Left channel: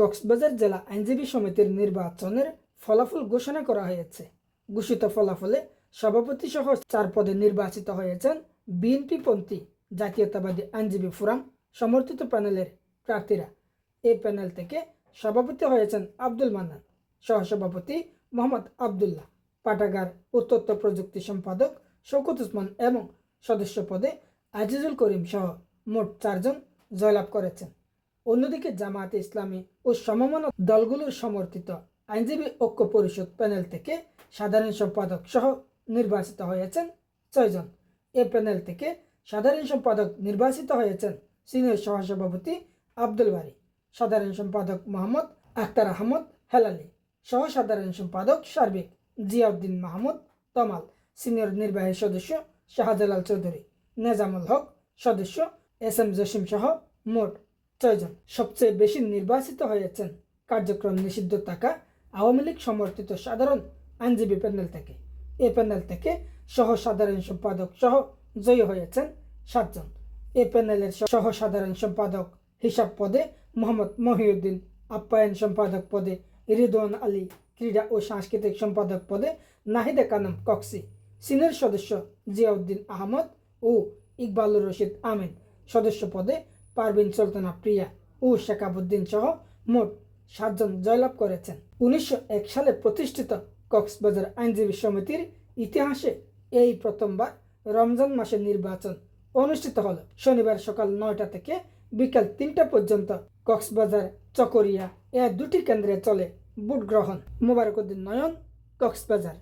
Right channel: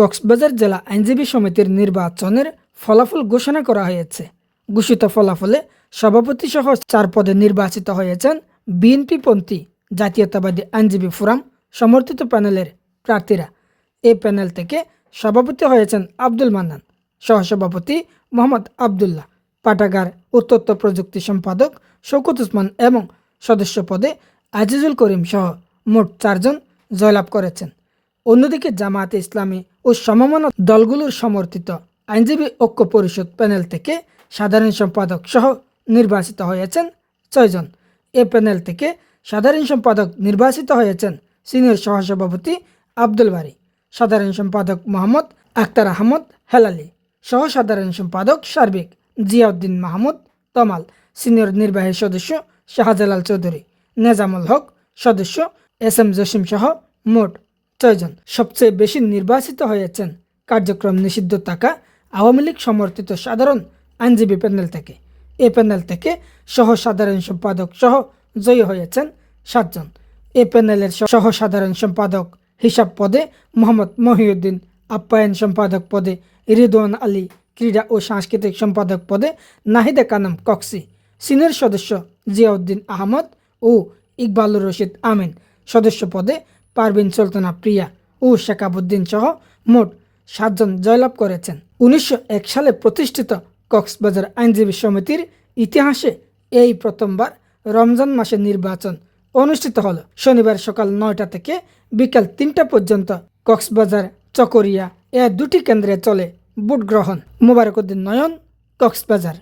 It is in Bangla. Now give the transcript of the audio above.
কক্সবাজার জেলা আইনজীবী সমিতির নির্বাচনের ফলাফল ঘোষণা করা হয়েছে। ঘোষিত ফলাফলে সভাপতি সহ 4 পদে নির্বাচিত হয়েছেন বিএনপিপন্থী জাতীয়তাবাদী আইনজীবী ফোরাম সমর্থিত প্যানেলের প্রার্থীরা। এই প্যানেল থেকে সভাপতি হয়েছেন আব্দুল মান্নান, সহসভাপতি মোহাম্মদ আবদুল্লাহ, পাঠাগার ও তথ্য প্রযুক্তি সম্পাদক শওকত ওসমান এবং সদস্য পদে আজিজুল করিম সহ মোট 4 জন জয়লাভ করেছেন। অন্যদিকে জামায়াতে ইসলামী ও সমমনা দলগুলোর সমর্থিত আইনজীবী ঐক্য পরিষদ প্যানেল থেকে সাধারণ সম্পাদক সহ নির্বাচিত হয়েছেন 6 জন। এ প্যানেল থেকে সাধারণ সম্পাদক নির্বাচিত হয়েছেন সিনিয়র সহসভাপতি আব্দুল বারী, সাধারণ সম্পাদক মোহাম্মদ আক্তার আহমদ হেলালি, সহ সাধারণ সম্পাদক সার্বিক জিয়াউদ্দিন মাহমুদ তমাল, সিনিয়র নির্বাহী সদস্য শাহজালাল চৌধুরী, নেজামুল হক সদস্য SM জসিম সহ মোট 6 জন। সবচেয়ে বেশি নির্বাচিত হয়েছেন কার্যক্রম নিষিদ্ধ থাকা আওয়ামী লীগ সমর্থিত সাধারণ আইনজীবী প্যানেল থেকে। এই প্যানেল থেকে সহ সাধারণ সম্পাদক সহ জয়ী হয়েছেন 7 জন। এই প্যানেলের সহ সাধারণ সম্পাদক হিসাব পদে মোহাম্মদ মহিউদ্দিন, আপ্যায়ন সম্পাদক পদে রিদওয়ান আলী, ক্রীড়া ও সাংস্কৃতিক সম্পাদক পদে নাহিদা কানাম কক্সি, সিনিয়র সদস্য জিয়াউদ্দিন আহমদ ও ইকবালুর রশিদ আমিন, সদস্য পদে পারভিন সুলতানা প্রিয়া ও শেখাবুদ্দিন সহ মোট 7 জন জয়লাভ করেছেন। 1901 সালে প্রতিষ্ঠিত কক্সবাজার আইনজীবী সমিতির ইতিহাসে এই প্রথমবার রমজান মাসে নির্বাচন অনুষ্ঠিত হলো। শনিবার সকাল 9টা থেকে বিকাল 3টা পর্যন্ত কক্সবাজার চকরিয়া 2টি কেন্দ্রে চলে ভোট গ্রহণ। মোবারক উদ্দিন নয়ন, কক্সবাজার।